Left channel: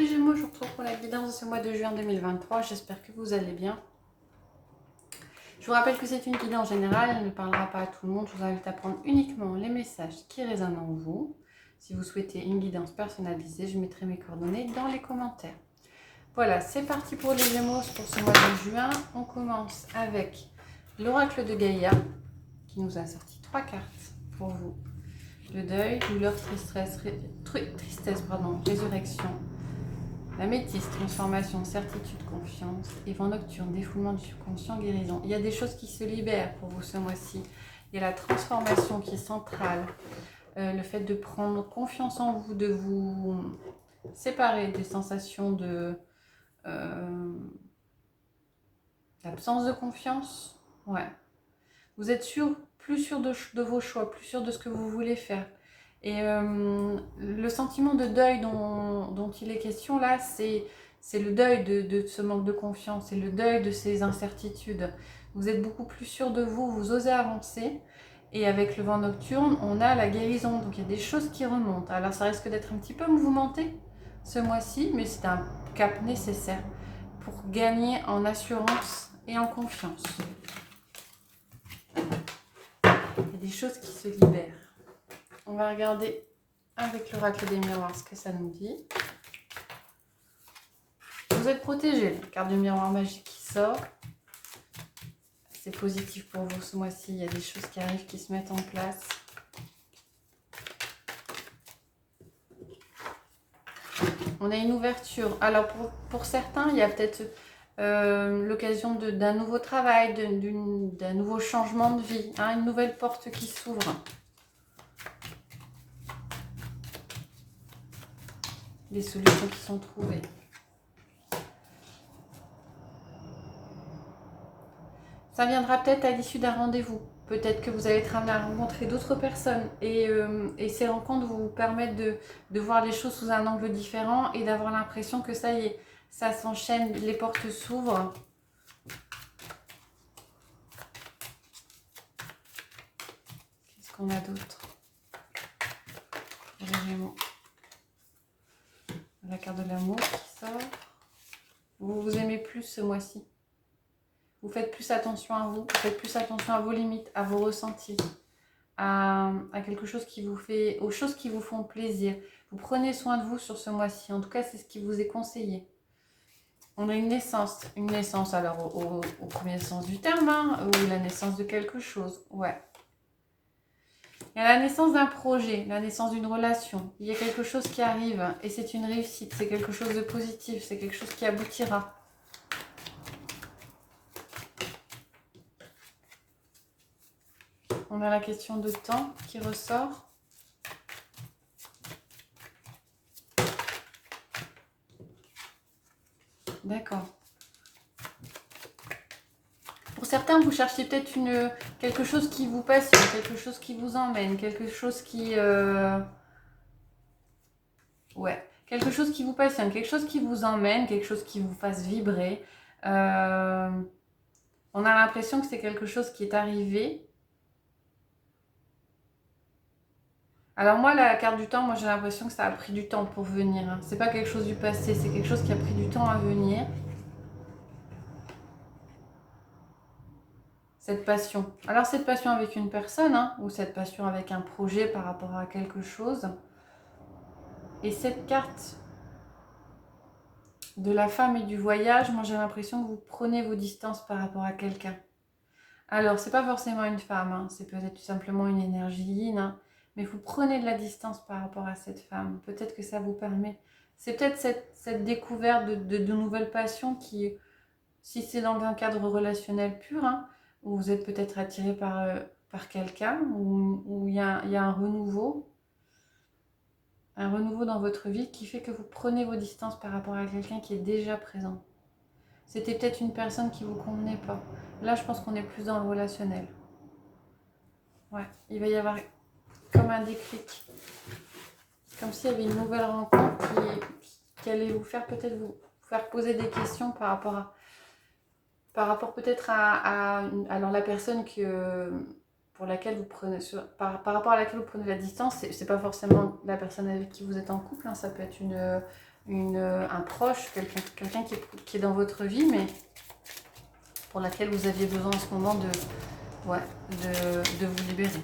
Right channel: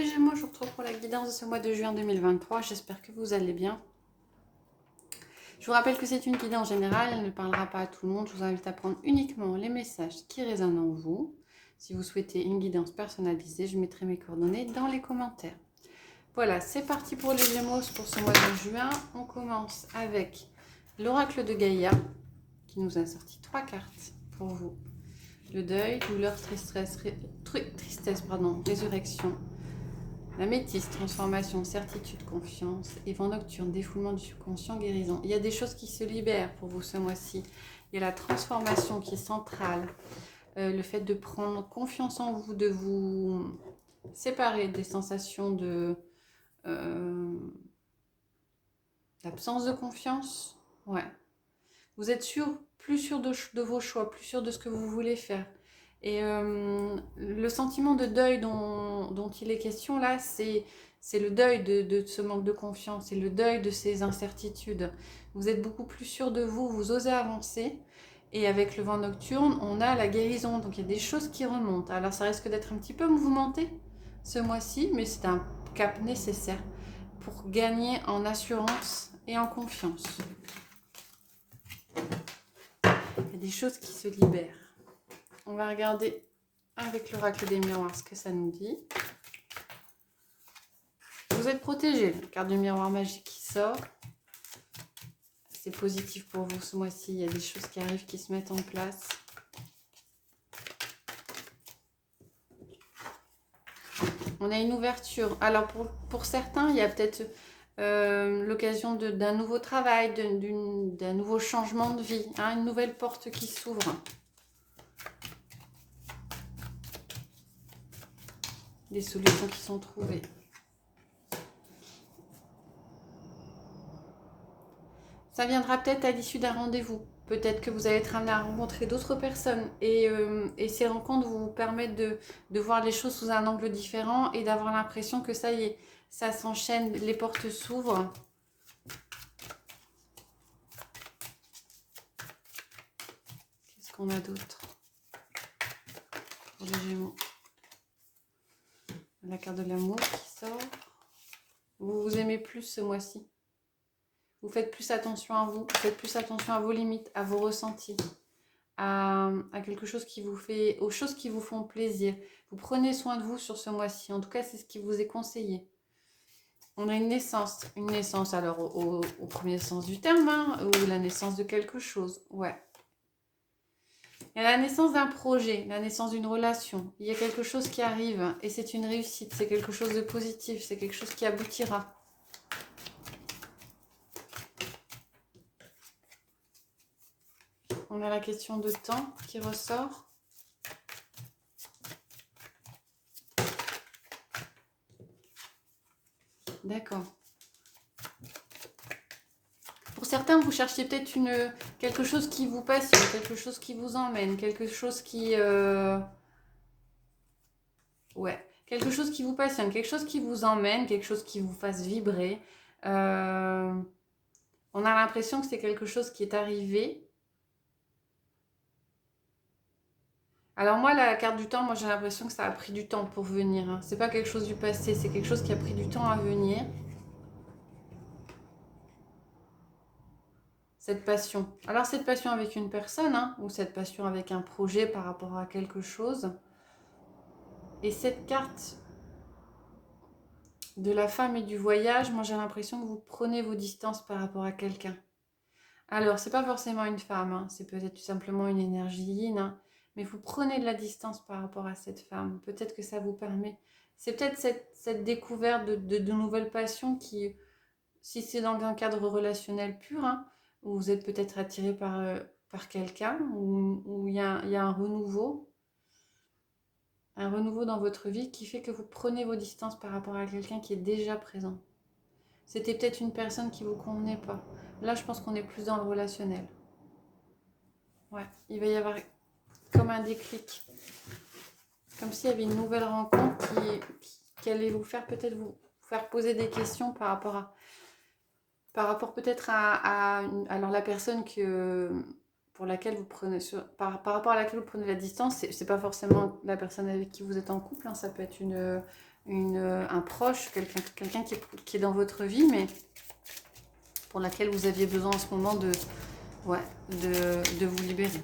les Gémeaux, je vous retrouve pour la guidance de ce mois de juin 2023. J'espère que vous allez bien. Je vous rappelle que c'est une guidance générale, elle ne parlera pas à tout le monde. Je vous invite à prendre uniquement les messages qui résonnent en vous. Si vous souhaitez une guidance personnalisée, je mettrai mes coordonnées dans les commentaires. Voilà, c'est parti pour les Gémeaux pour ce mois de juin. On commence avec l'oracle de Gaïa qui nous a sorti 3 cartes pour vous. Le deuil, douleur, tristesse, résurrection. La métisse, transformation, certitude, confiance. Et vent nocturne, défoulement du subconscient, guérison. Il y a des choses qui se libèrent pour vous ce mois-ci. Il y a la transformation qui est centrale. Le fait de prendre confiance en vous, de vous séparer des sensations de l'absence de confiance. Ouais. Vous êtes plus sûr de vos choix, plus sûr de ce que vous voulez faire. Et le sentiment de deuil dont il est question là, c'est le deuil de ce manque de confiance, c'est le deuil de ces incertitudes. Vous êtes beaucoup plus sûr de vous, vous osez avancer. Et avec le vent nocturne, on a la guérison. Donc il y a des choses qui remontent. Alors ça risque d'être un petit peu mouvementé ce mois-ci, mais c'est un cap nécessaire pour gagner en assurance et en confiance. Il y a des choses qui se libèrent. On va regarder avec l'oracle des miroirs ce que ça nous dit. Vous êtes protégé. La carte du miroir magique qui sort. C'est positif pour vous ce mois-ci. Il y a des choses qui arrivent, qui se mettent en place. On a une ouverture. Alors pour certains, il y a peut-être l'occasion d'un nouveau travail, d'un nouveau changement de vie, hein, une nouvelle porte qui s'ouvre. Des solutions qui sont trouvées. Ça viendra peut-être à l'issue d'un rendez-vous. Peut-être que vous allez être amené à rencontrer d'autres personnes. Et ces rencontres vous permettent de voir les choses sous un angle différent et d'avoir l'impression que ça y est, ça s'enchaîne, les portes s'ouvrent. Qu'est-ce qu'on a d'autre? Les Gémeaux. La carte de l'amour qui sort. Vous vous aimez plus ce mois-ci. Vous faites plus attention à vous. Vous faites plus attention à vos limites, à vos ressentis, à quelque chose qui vous fait, aux choses qui vous font plaisir. Vous prenez soin de vous sur ce mois-ci. En tout cas, c'est ce qui vous est conseillé. On a une naissance alors au premier sens du terme, hein, ou la naissance de quelque chose. Ouais. Il y a la naissance d'un projet, la naissance d'une relation. Il y a quelque chose qui arrive et c'est une réussite, c'est quelque chose de positif, c'est quelque chose qui aboutira. On a la question de temps qui ressort. D'accord. Pour certains, vous cherchez peut-être quelque chose qui vous passionne, quelque chose qui vous emmène, quelque chose qui... Ouais, quelque chose qui vous passionne, quelque chose qui vous emmène, quelque chose qui vous fasse vibrer. On a l'impression que c'est quelque chose qui est arrivé. Alors moi, la carte du temps, moi j'ai l'impression que ça a pris du temps pour venir. Hein. C'est pas quelque chose du passé, c'est quelque chose qui a pris du temps à venir. Cette passion. Alors cette passion avec une personne, hein, ou cette passion avec un projet par rapport à quelque chose. Et cette carte de la femme et du voyage, moi j'ai l'impression que vous prenez vos distances par rapport à quelqu'un. Alors c'est pas forcément une femme, hein, c'est peut-être tout simplement une énergie yin, hein, mais vous prenez de la distance par rapport à cette femme. Peut-être que ça vous permet. C'est peut-être cette découverte de nouvelles passions qui, si c'est dans un cadre relationnel pur, hein, où vous êtes peut-être attiré par quelqu'un, où il y a un renouveau dans votre vie qui fait que vous prenez vos distances par rapport à quelqu'un qui est déjà présent. C'était peut-être une personne qui ne vous convenait pas. Là, je pense qu'on est plus dans le relationnel. Ouais, il va y avoir comme un déclic. Comme s'il y avait une nouvelle rencontre qui allait vous faire peut-être vous faire poser des questions par rapport peut-être alors la personne pour laquelle vous prenez par rapport à laquelle vous prenez la distance, c'est pas forcément la personne avec qui vous êtes en couple, hein, ça peut être un proche, quelqu'un qui est dans votre vie, mais pour laquelle vous aviez besoin en ce moment de vous libérer.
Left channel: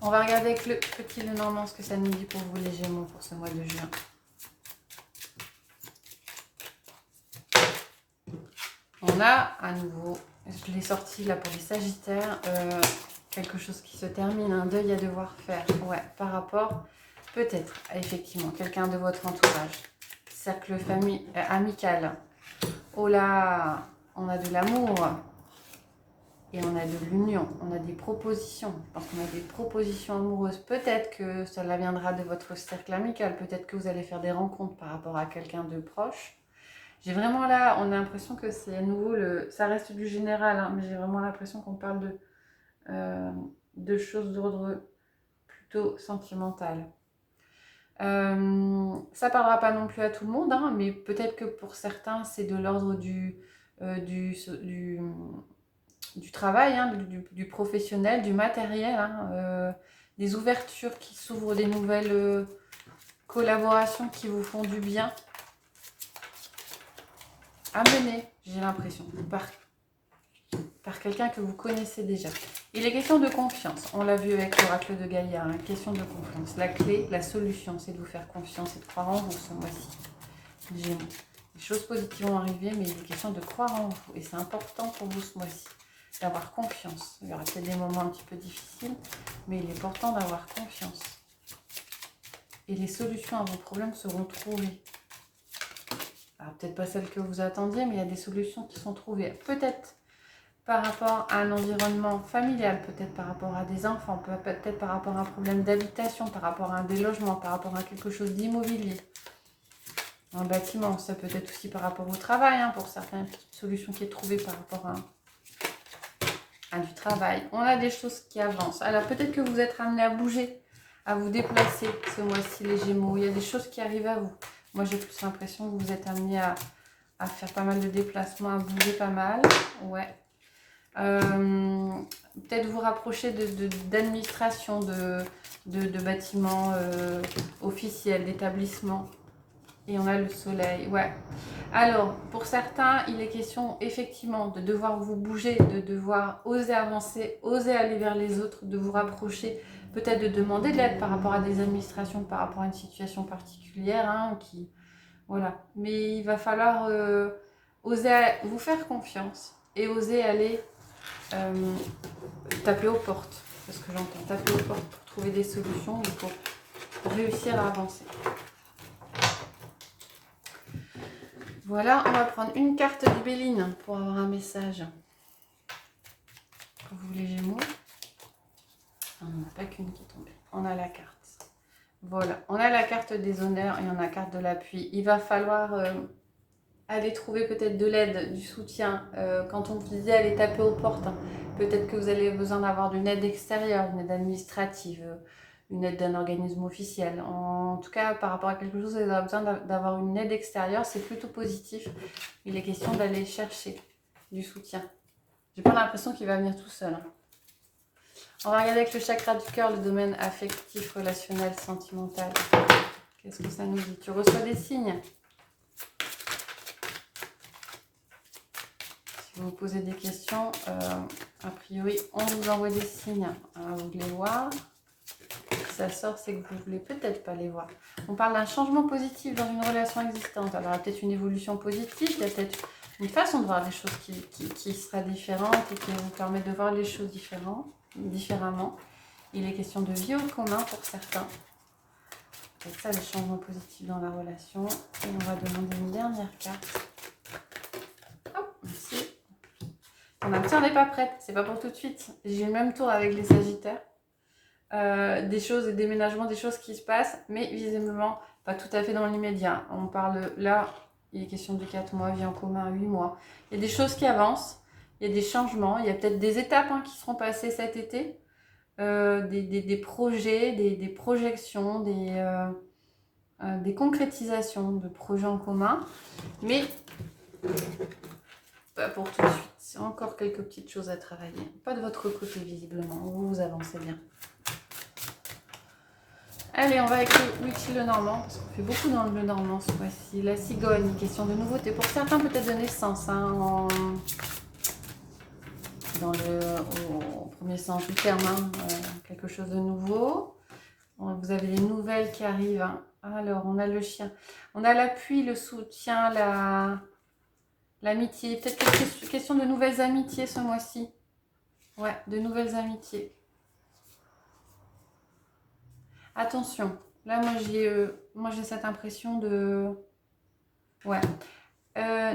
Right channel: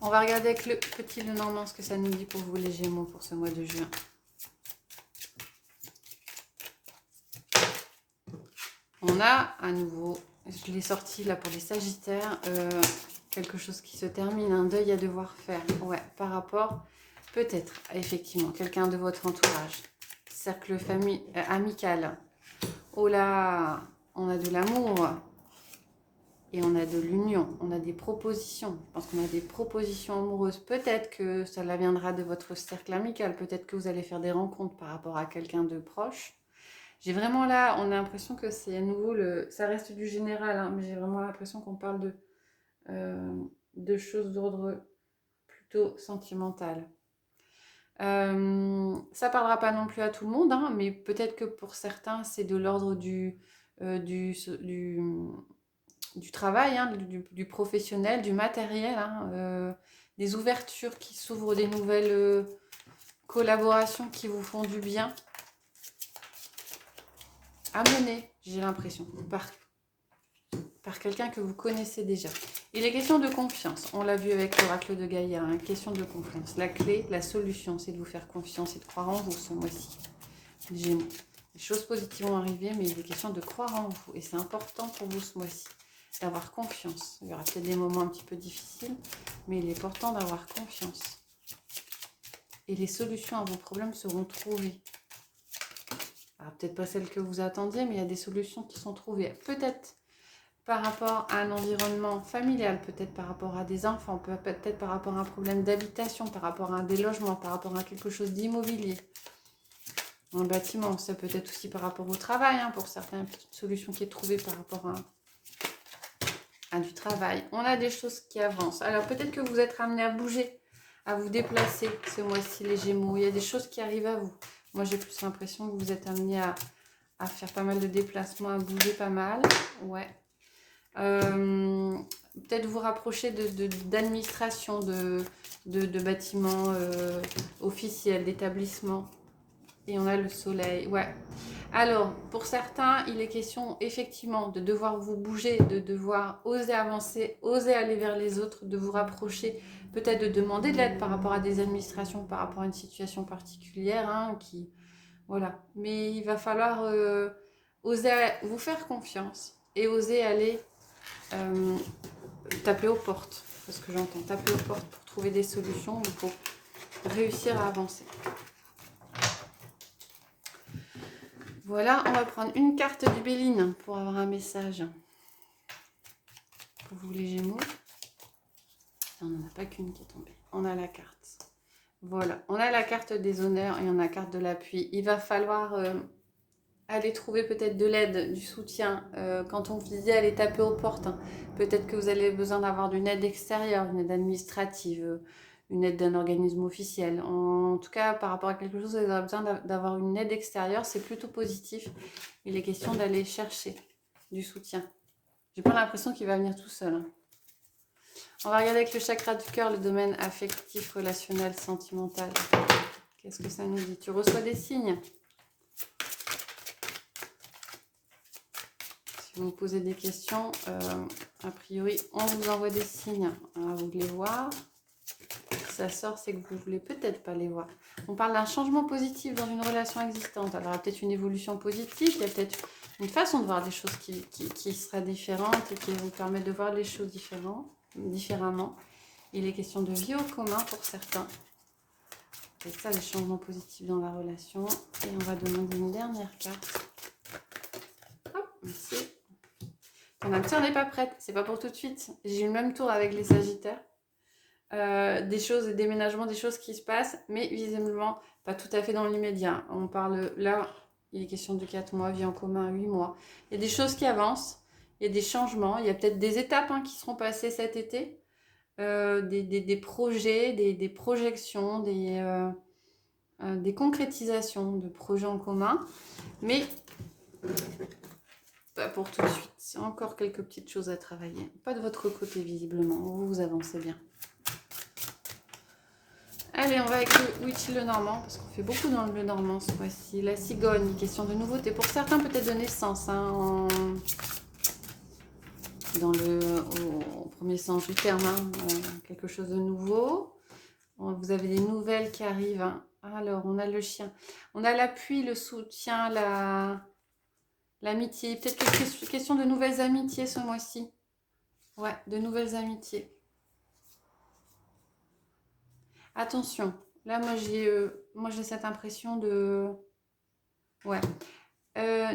On va regarder avec le petit Lenormand ce que ça nous dit pour vous les Gémeaux pour ce mois de juin. On a à nouveau, je l'ai sorti là pour les Sagittaires, quelque chose qui se termine, un deuil à devoir faire. Ouais, par rapport, peut-être, effectivement, quelqu'un de votre entourage. Cercle amical. Oh là, on a de l'amour. Et on a de l'union, on a des propositions. Je pense qu'on a des propositions amoureuses. Peut-être que cela viendra de votre cercle amical. Peut-être que vous allez faire des rencontres par rapport à quelqu'un de proche. J'ai vraiment là, on a l'impression que c'est à nouveau, ça reste du général, hein, mais j'ai vraiment l'impression qu'on parle de choses d'ordre plutôt sentimental. Ça parlera pas non plus à tout le monde, hein, mais peut-être que pour certains, c'est de l'ordre du travail, hein, du professionnel, du matériel, hein, des ouvertures qui s'ouvrent, des nouvelles collaborations qui vous font du bien à mener, j'ai l'impression, par quelqu'un que vous connaissez déjà. Il est question de confiance, on l'a vu avec l'oracle de Gaïa, hein, question de confiance. La clé, la solution, c'est de vous faire confiance et de croire en vous ce mois-ci. Gémeaux. Les choses positives vont arriver, mais il est question de croire en vous. Et c'est important pour vous ce mois-ci, d'avoir confiance. Il y aura peut-être des moments un petit peu difficiles, mais il est important d'avoir confiance. Et les solutions à vos problèmes seront trouvées. Alors, peut-être pas celles que vous attendiez, mais il y a des solutions qui sont trouvées. Peut-être par rapport à un environnement familial, peut-être par rapport à des enfants, peut-être par rapport à un problème d'habitation, par rapport à un délogement, par rapport à quelque chose d'immobilier. Dans le bâtiment, ça peut être aussi par rapport au travail, hein, pour certaines petites solutions qui est trouvée par rapport à du travail. On a des choses qui avancent. Alors peut-être que vous êtes amené à bouger, à vous déplacer ce mois-ci les Gémeaux. Il y a des choses qui arrivent à vous. Moi j'ai plus l'impression que vous êtes amené à faire pas mal de déplacements, à bouger pas mal. Ouais. Peut-être vous rapprocher d'administration, de bâtiments officiels, d'établissements. Et on a le soleil, ouais. Alors, pour certains, il est question effectivement de devoir vous bouger, de devoir oser avancer, oser aller vers les autres, de vous rapprocher, peut-être de demander de l'aide par rapport à des administrations, par rapport à une situation particulière, hein, voilà. Mais il va falloir oser vous faire confiance et oser aller taper aux portes, c'est ce que j'entends, taper aux portes pour trouver des solutions et pour réussir à avancer. Voilà, on va prendre une carte du Béline pour avoir un message pour vous les Gémeaux. On n'en a pas qu'une qui est tombée. On a la carte. Voilà, on a la carte des honneurs et on a la carte de l'appui. Il va falloir aller trouver peut-être de l'aide, du soutien. Quand on vous disait aller taper aux portes, hein, peut-être que vous avez besoin d'avoir une aide extérieure, une aide administrative, une aide d'un organisme officiel. En tout cas, par rapport à quelque chose, vous avez besoin d'avoir une aide extérieure, c'est plutôt positif. Il est question d'aller chercher du soutien. J'ai pas l'impression qu'il va venir tout seul, hein. On va regarder avec le chakra du cœur, le domaine affectif, relationnel, sentimental. Qu'est-ce que ça nous dit? Tu reçois des signes? Si vous vous posez des questions, a priori, on vous envoie des signes. Alors, vous les voir. Si ça sort, c'est que vous ne voulez peut-être pas les voir. On parle d'un changement positif dans une relation existante. Alors, il y a peut-être une évolution positive, il y a peut-être une façon de voir les choses qui sera différente et qui vous permet de voir les choses différemment. Il est question de vie au commun pour certains. C'est ça le changement positif dans la relation. Et on va demander une dernière carte. Hop, merci. Même si on n'est pas prête, c'est pas pour tout de suite. J'ai eu le même tour avec les Sagittaires. Des choses, des déménagements, des choses qui se passent, mais visiblement pas tout à fait dans l'immédiat. On parle là, il est question de 4 mois, vie en commun, 8 mois. Il y a des choses qui avancent, il y a des changements, il y a peut-être des étapes qui seront passées cet été, des projets, des projections, des concrétisations de projets en commun, mais pas pour tout de suite. C'est encore quelques petites choses à travailler. Pas de votre côté visiblement, vous avancez bien. Allez, on va avec l'utile le normand, parce qu'on fait beaucoup dans le bleu normand ce mois-ci. La cigogne, question de nouveauté. Pour certains, peut-être de naissance, hein, au premier sens du terme, hein, quelque chose de nouveau. Vous avez les nouvelles qui arrivent. Hein. Alors, on a le chien. On a l'appui, le soutien, l'amitié. Peut-être question de nouvelles amitiés ce mois-ci. Ouais, de nouvelles amitiés. Attention. Là, moi, j'ai cette impression de... Ouais.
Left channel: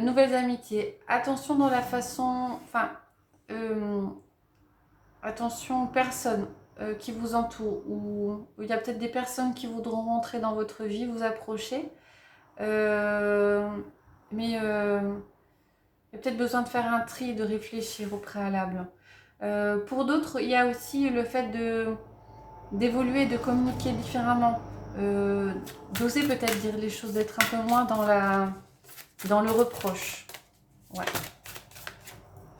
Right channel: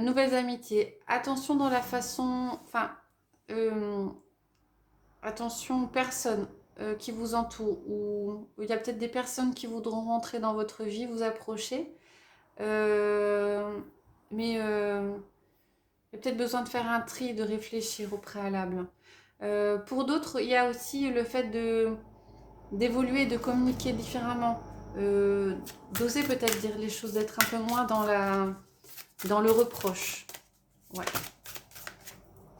Nouvelles amitiés. Attention dans la façon... Enfin, attention aux personnes qui vous entourent. Ou il y a peut-être des personnes qui voudront rentrer dans votre vie, vous approcher. Mais il y a peut-être besoin de faire un tri, de réfléchir au préalable. Pour d'autres, il y a aussi le fait d'évoluer, de communiquer différemment. D'oser peut-être dire les choses, d'être un peu moins dans le reproche. Ouais.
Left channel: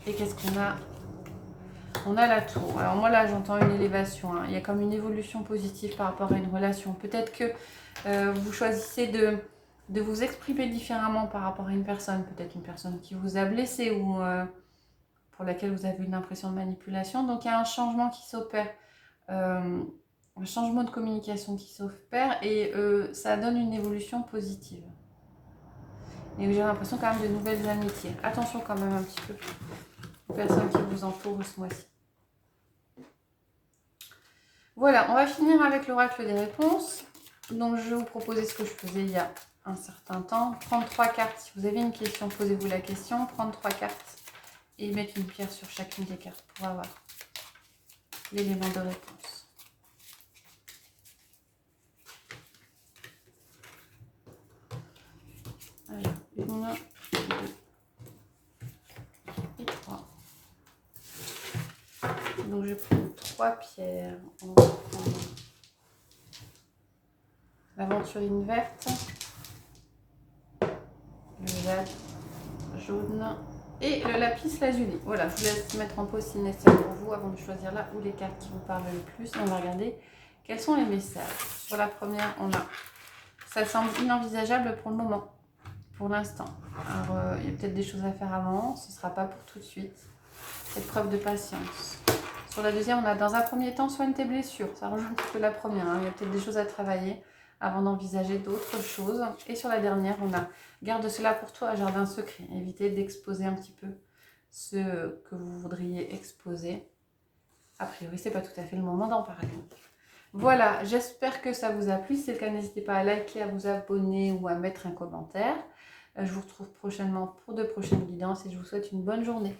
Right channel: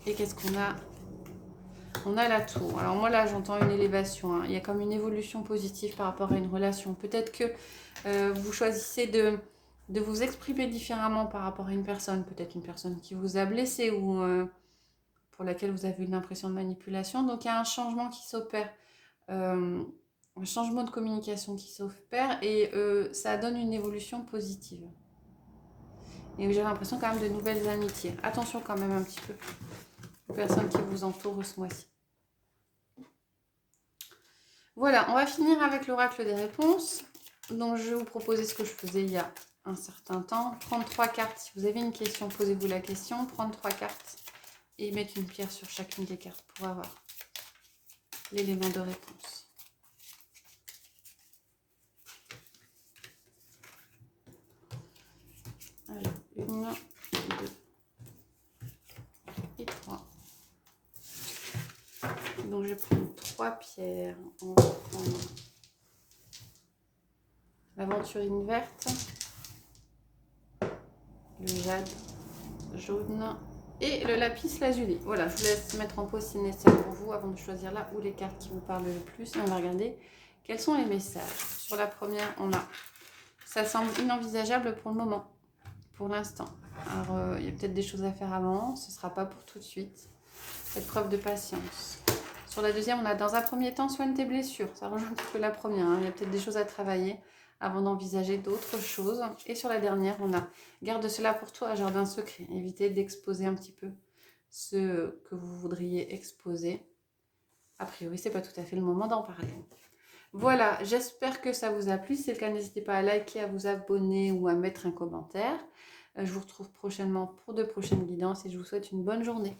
Et qu'est-ce qu'on a? On a la tour. Alors moi là, j'entends une élévation. Hein. Il y a comme une évolution positive par rapport à une relation. Peut-être que vous choisissez de vous exprimer différemment par rapport à une personne. Peut-être une personne qui vous a blessé ou pour laquelle vous avez une impression de manipulation. Donc il y a un changement qui s'opère. Un changement de communication qui s'opère et ça donne une évolution positive. Et j'ai l'impression quand même de nouvelles amitiés. Attention quand même un petit peu aux personnes qui vous entourent ce mois-ci. Voilà, on va finir avec l'oracle des réponses. Donc je vais vous proposer ce que je faisais il y a un certain temps. Prendre 3 cartes. Si vous avez une question, posez-vous la question. Prendre 3 cartes et mettre une pierre sur chacune des cartes pour avoir l'élément de réponse. Alors, 1, 2 et 3. Donc je prends 3 pierres. On va prendre l'aventurine verte, le jade jaune et le lapis lazuli. Voilà, je vous laisse mettre en pause si nécessaire pour vous avant de choisir là où les cartes qui vous parlent le plus. Et on va regarder quels sont les messages. Sur la première, on a « Ça semble inenvisageable pour le moment, pour l'instant. Alors, il y a peut-être des choses à faire avant, ce ne sera pas pour tout de suite. Faites preuve de patience. » Sur la deuxième, on a « Dans un premier temps, soigne tes blessures. » Ça rejoint un petit peu la première. Hein. Il y a peut-être des choses à travailler avant d'envisager d'autres choses. Et sur la dernière, on a « Garde cela pour toi, jardin secret. » Évitez d'exposer un petit peu ce que vous voudriez exposer. A priori, ce n'est pas tout à fait le moment d'en parler. Voilà, j'espère que ça vous a plu. Si c'est le cas, n'hésitez pas à liker, à vous abonner ou à mettre un commentaire. Je vous retrouve prochainement pour de prochaines guidances et je vous souhaite une bonne journée.